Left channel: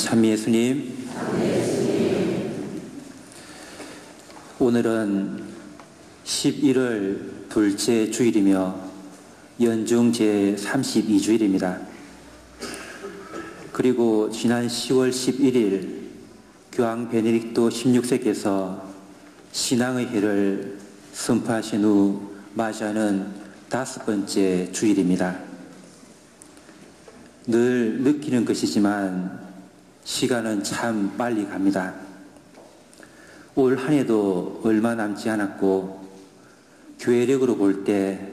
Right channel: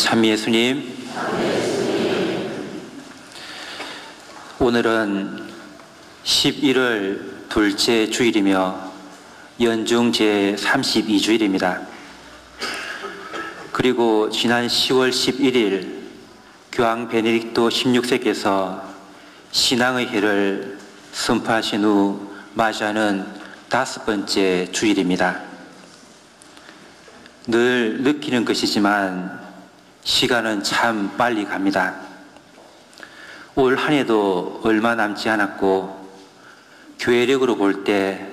참 예수님, 오늘은 11월 둘째 주일이며 연중 제32주일입니다. 그리고 지난 10월 11일 교황 베네딕토 16세께서 신앙의 해를 선포하신 후 맞이하는 5번째 주일입니다. 늘 느끼는 것이지만 시간은 참 빨리 갑니다. 올 한 해도 얼마 남지 않았고 교회력으로 볼 때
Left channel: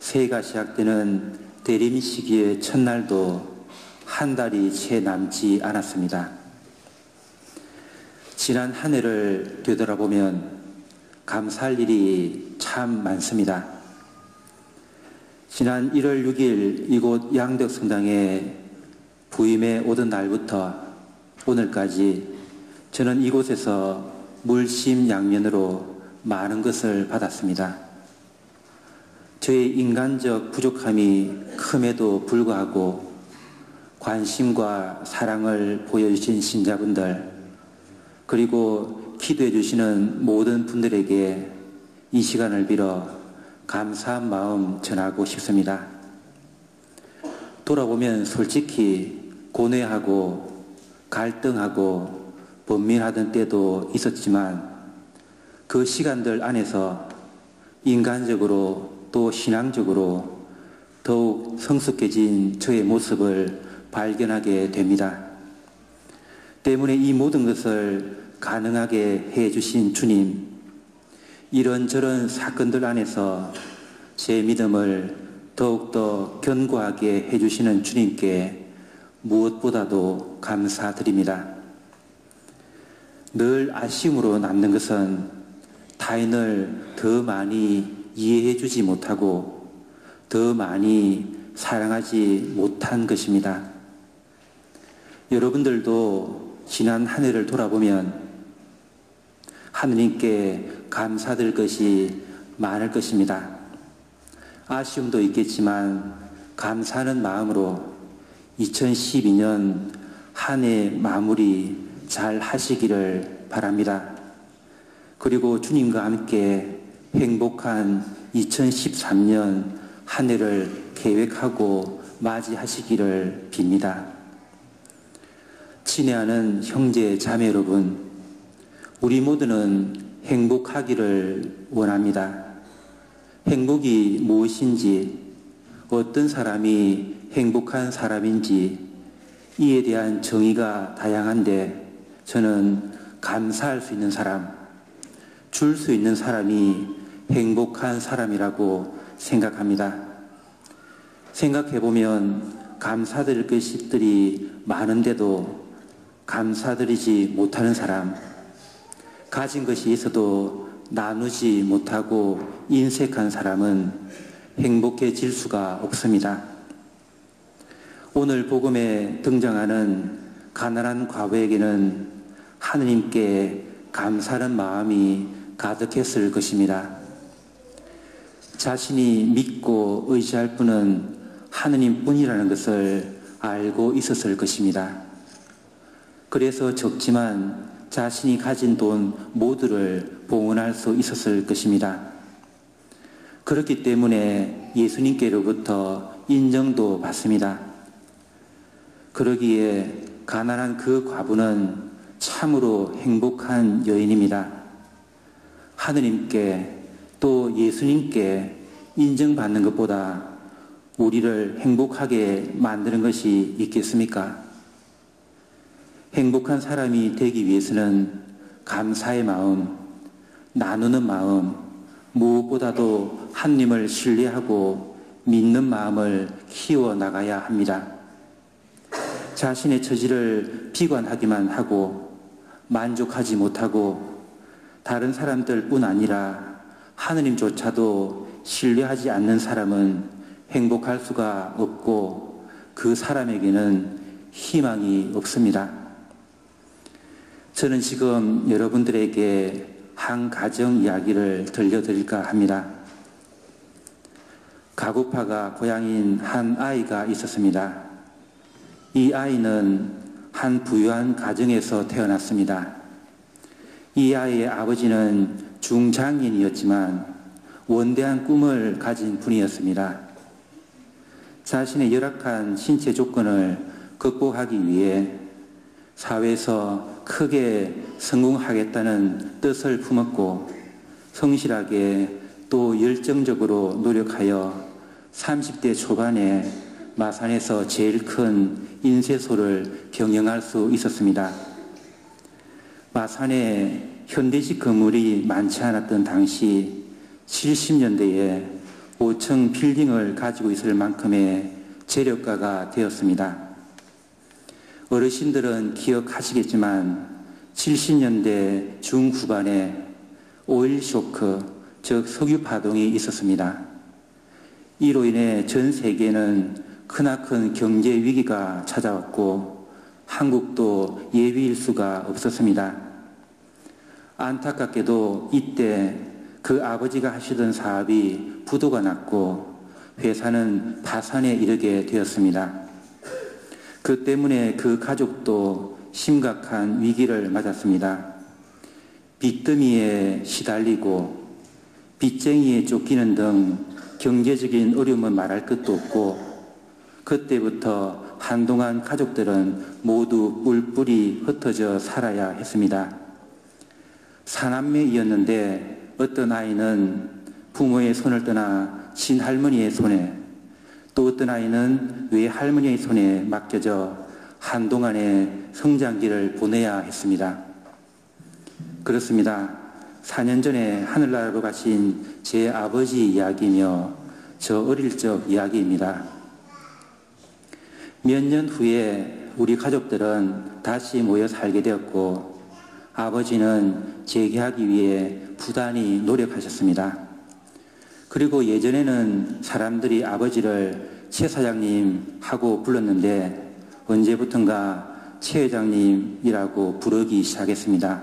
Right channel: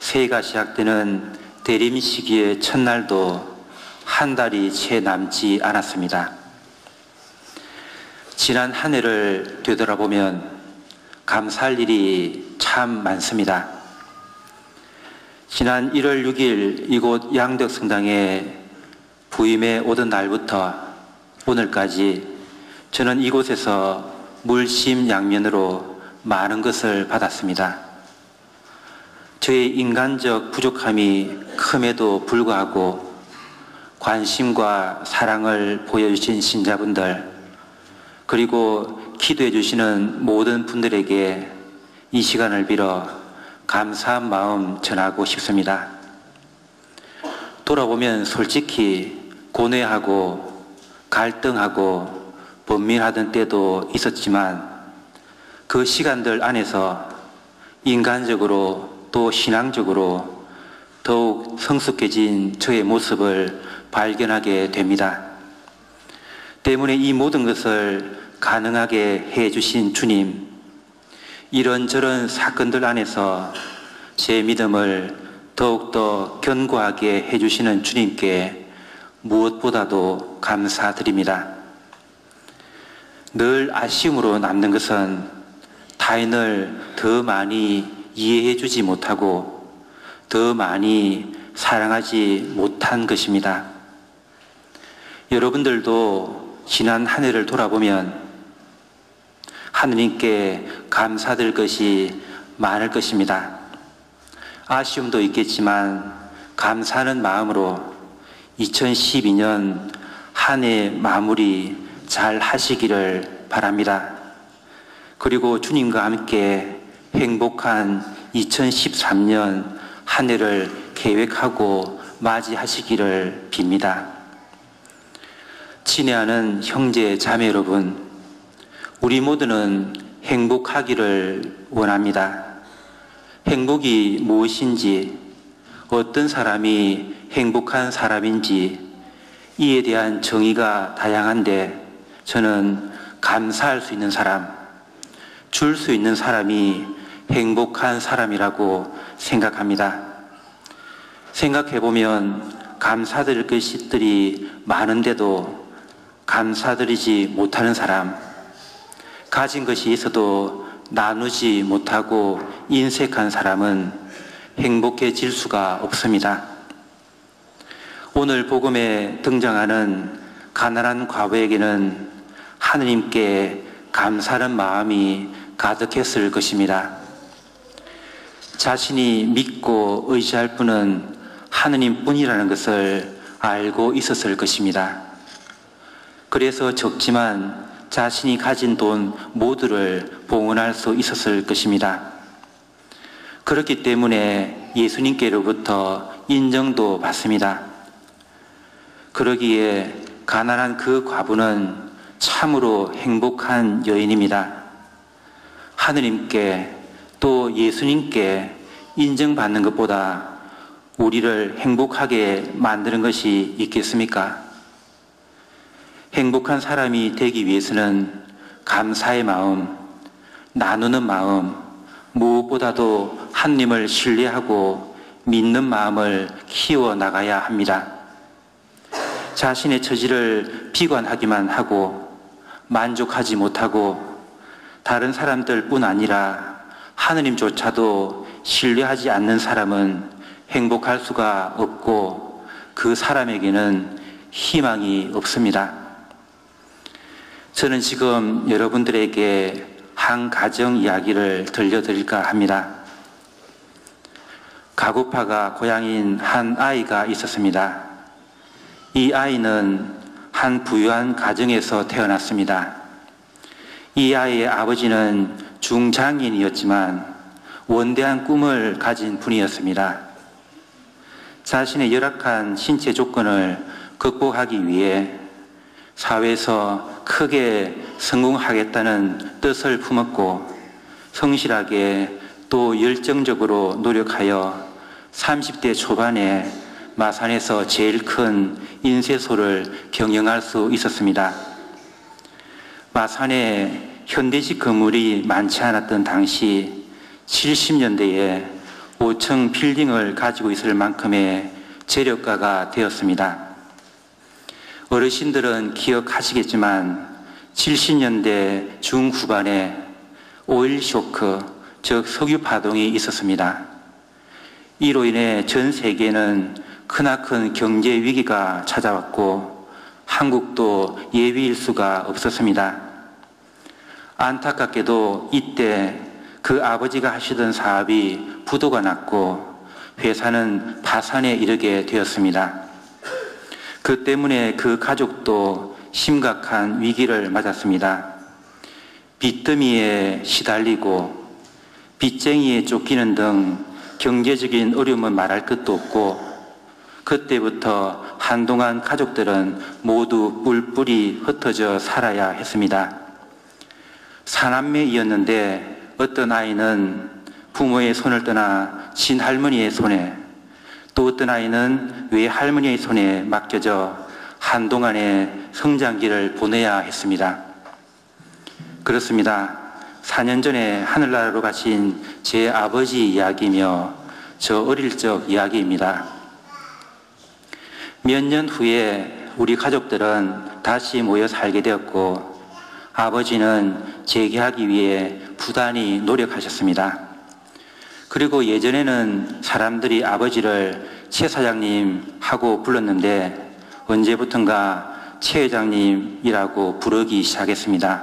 새해가 시작되는 대림 시기의 첫날도 한 달이 채 남지 않았습니다. 지난 한 해를 되돌아보면 감사할 일이 참 많습니다. 지난 1월 6일 이곳 양덕성당에 부임해 오던 날부터 오늘까지 저는 이곳에서 물심양면으로 많은 것을 받았습니다. 저의 인간적 부족함이 큼에도 불구하고 관심과 사랑을 보여주신 신자분들, 그리고 기도해 주시는 모든 분들에게 이 시간을 빌어 감사한 마음 전하고 싶습니다. 돌아보면 솔직히 고뇌하고 갈등하고 번민하던 때도 있었지만 그 시간들 안에서 인간적으로 또 신앙적으로 더욱 성숙해진 저의 모습을 발견하게 됩니다. 때문에 이 모든 것을 가능하게 해주신 주님, 이런저런 사건들 안에서 제 믿음을 더욱더 견고하게 해주시는 주님께 무엇보다도 감사드립니다. 늘 아쉬움으로 남는 것은 타인을 더 많이 이해해 주지 못하고 더 많이 사랑하지 못한 것입니다. 여러분들도 지난 한 해를 돌아보면 하느님께 감사드릴 것이 많을 것입니다. 아쉬움도 있겠지만 감사하는 마음으로 2012년 한 해 마무리 잘 하시기를 바랍니다. 그리고 주님과 함께 행복한 2013년 한 해를 계획하고 맞이하시기를 빕니다. 친애하는 형제 자매 여러분, 우리 모두는 행복하기를 원합니다. 행복이 무엇인지, 어떤 사람이 행복한 사람인지 이에 대한 정의가 다양한데 저는 감사할 수 있는 사람, 줄 수 있는 사람이 행복한 사람이라고 생각합니다. 생각해보면 감사드릴 것들이 많은데도 감사드리지 못하는 사람, 가진 것이 있어도 나누지 못하고 인색한 사람은 행복해질 수가 없습니다. 오늘 복음에 등장하는 가난한 과부에게는 하느님께 감사하는 마음이 가득했을 것입니다. 자신이 믿고 의지할 분은 하느님뿐이라는 것을 알고 있었을 것입니다. 그래서 적지만 자신이 가진 돈 모두를 봉헌할 수 있었을 것입니다. 그렇기 때문에 예수님께로부터 인정도 받습니다. 그러기에 가난한 그 과부는 참으로 행복한 여인입니다. 하느님께 또 예수님께 인정받는 것보다 우리를 행복하게 만드는 것이 있겠습니까? 행복한 사람이 되기 위해서는 감사의 마음, 나누는 마음, 무엇보다도 하느님을 신뢰하고 믿는 마음을 키워나가야 합니다. 자신의 처지를 비관하기만 하고 만족하지 못하고 다른 사람들뿐 아니라 하느님조차도 신뢰하지 않는 사람은 행복할 수가 없고 그 사람에게는 희망이 없습니다. 저는 지금 여러분들에게 한 가정 이야기를 들려드릴까 합니다. 가구파가 고향인 한 아이가 있었습니다. 이 아이는 한 부유한 가정에서 태어났습니다. 이 아이의 아버지는 중장인이었지만 원대한 꿈을 가진 분이었습니다. 자신의 열악한 신체 조건을 극복하기 위해 사회에서 크게 성공하겠다는 뜻을 품었고 성실하게 또 열정적으로 노력하여 30대 초반에 마산에서 제일 큰 인쇄소를 경영할 수 있었습니다. 마산에 현대식 건물이 많지 않았던 당시 70년대에 5층 빌딩을 가지고 있을 만큼의 재력가가 되었습니다. 어르신들은 기억하시겠지만 70년대 중후반에 오일 쇼크, 즉 석유 파동이 있었습니다. 이로 인해 전 세계는 크나큰 경제 위기가 찾아왔고 한국도 예비일 수가 없었습니다. 안타깝게도 이때 그 아버지가 하시던 사업이 부도가 났고 회사는 파산에 이르게 되었습니다. 그 때문에 그 가족도 심각한 위기를 맞았습니다. 빚더미에 시달리고 빚쟁이에 쫓기는 등 경제적인 어려움은 말할 것도 없고 그때부터 한동안 가족들은 모두 뿔뿔이 흩어져 살아야 했습니다. 사남매이었는데 어떤 아이는 부모의 손을 떠나 친할머니의 손에, 또 어떤 아이는 외할머니의 손에 맡겨져 한동안의 성장기를 보내야 했습니다. 그렇습니다. 4년 전에 하늘나라로 가신 제 아버지 이야기며 저 어릴 적 이야기입니다. 몇 년 후에 우리 가족들은 다시 모여 살게 되었고 아버지는 재기하기 위해 부단히 노력하셨습니다. 그리고 예전에는 사람들이 아버지를 최 사장님 하고 불렀는데 언제부턴가 최 회장님이라고 부르기 시작했습니다.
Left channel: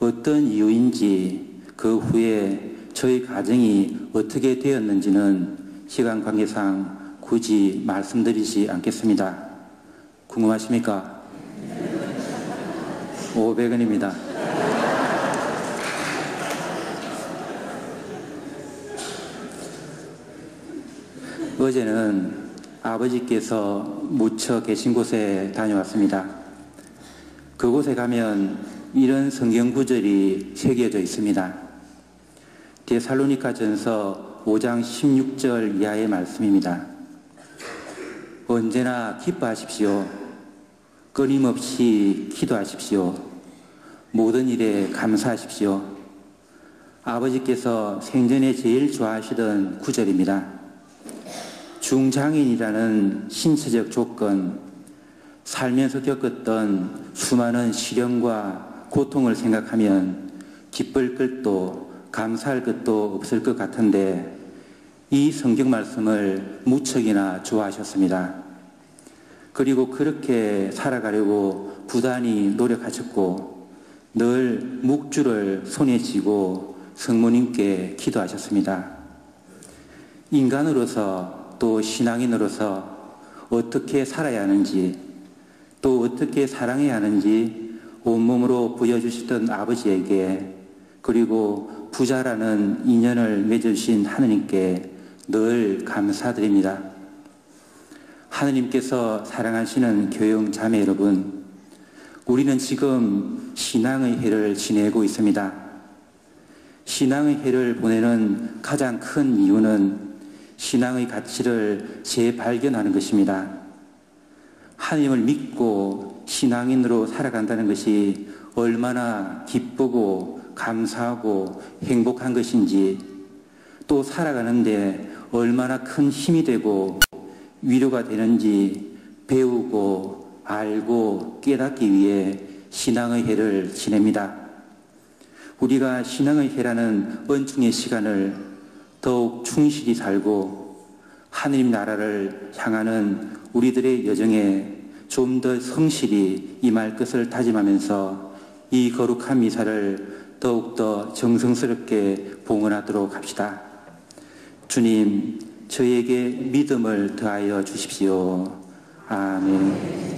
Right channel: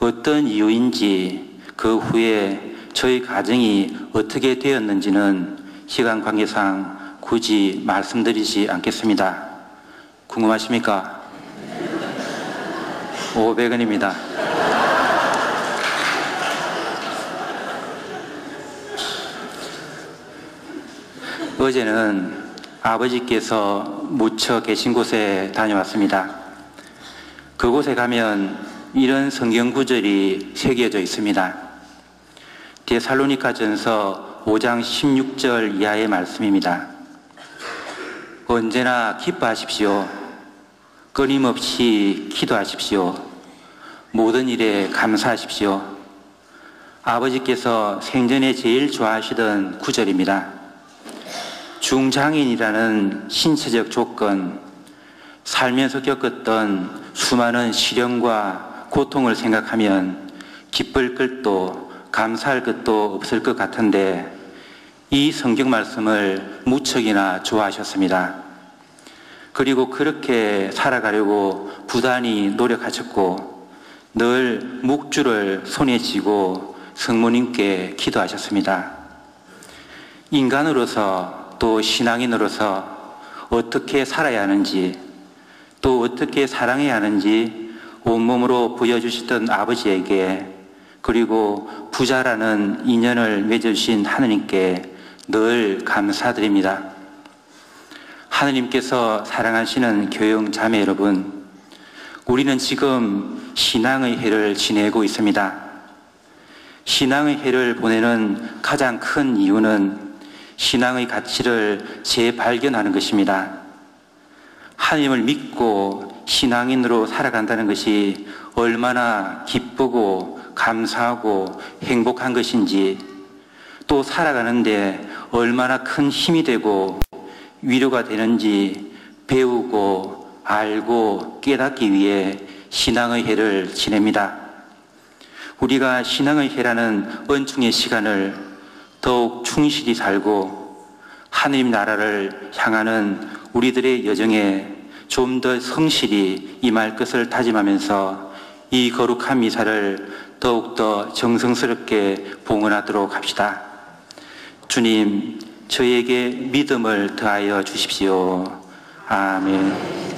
어떤 이유인지 그 후에 저희 가정이 어떻게 되었는지는 시간 관계상 굳이 말씀드리지 않겠습니다. 궁금하십니까? 500원입니다. 어제는 아버지께서 묻혀 계신 곳에 다녀왔습니다. 그곳에 가면 이런 성경 구절이 새겨져 있습니다. 데살로니가전서 5장 16절 이하의 말씀입니다. 언제나 기뻐하십시오. 끊임없이 기도하십시오. 모든 일에 감사하십시오. 아버지께서 생전에 제일 좋아하시던 구절입니다. 중장인이라는 신체적 조건, 살면서 겪었던 수많은 시련과 고통을 생각하면 기쁠 것도 감사할 것도 없을 것 같은데 이 성경 말씀을 무척이나 좋아하셨습니다. 그리고 그렇게 살아가려고 부단히 노력하셨고 늘 묵주를 손에 쥐고 성모님께 기도하셨습니다. 인간으로서 또 신앙인으로서 어떻게 살아야 하는지 또 어떻게 사랑해야 하는지 온몸으로 보여주시던 아버지에게 그리고 부자라는 인연을 맺어주신 하느님께 늘 감사드립니다. 하느님께서 사랑하시는 교영 자매 여러분, 우리는 지금 신앙의 해를 지내고 있습니다. 신앙의 해를 보내는 가장 큰 이유는 신앙의 가치를 재발견하는 것입니다. 하나님을 믿고 신앙인으로 살아간다는 것이 얼마나 기쁘고 감사하고 행복한 것인지, 또 살아가는데 얼마나 큰 힘이 되고 위로가 되는지 배우고 알고 깨닫기 위해 신앙의 해를 지냅니다. 우리가 신앙의 해라는 은총의 시간을 더욱 충실히 살고 하느님 나라를 향하는 우리들의 여정에 좀 더 성실히 임할 것을 다짐하면서 이 거룩한 미사를 더욱더 정성스럽게 봉헌하도록 합시다. 주님, 저에게 믿음을 더하여 주십시오. 아멘.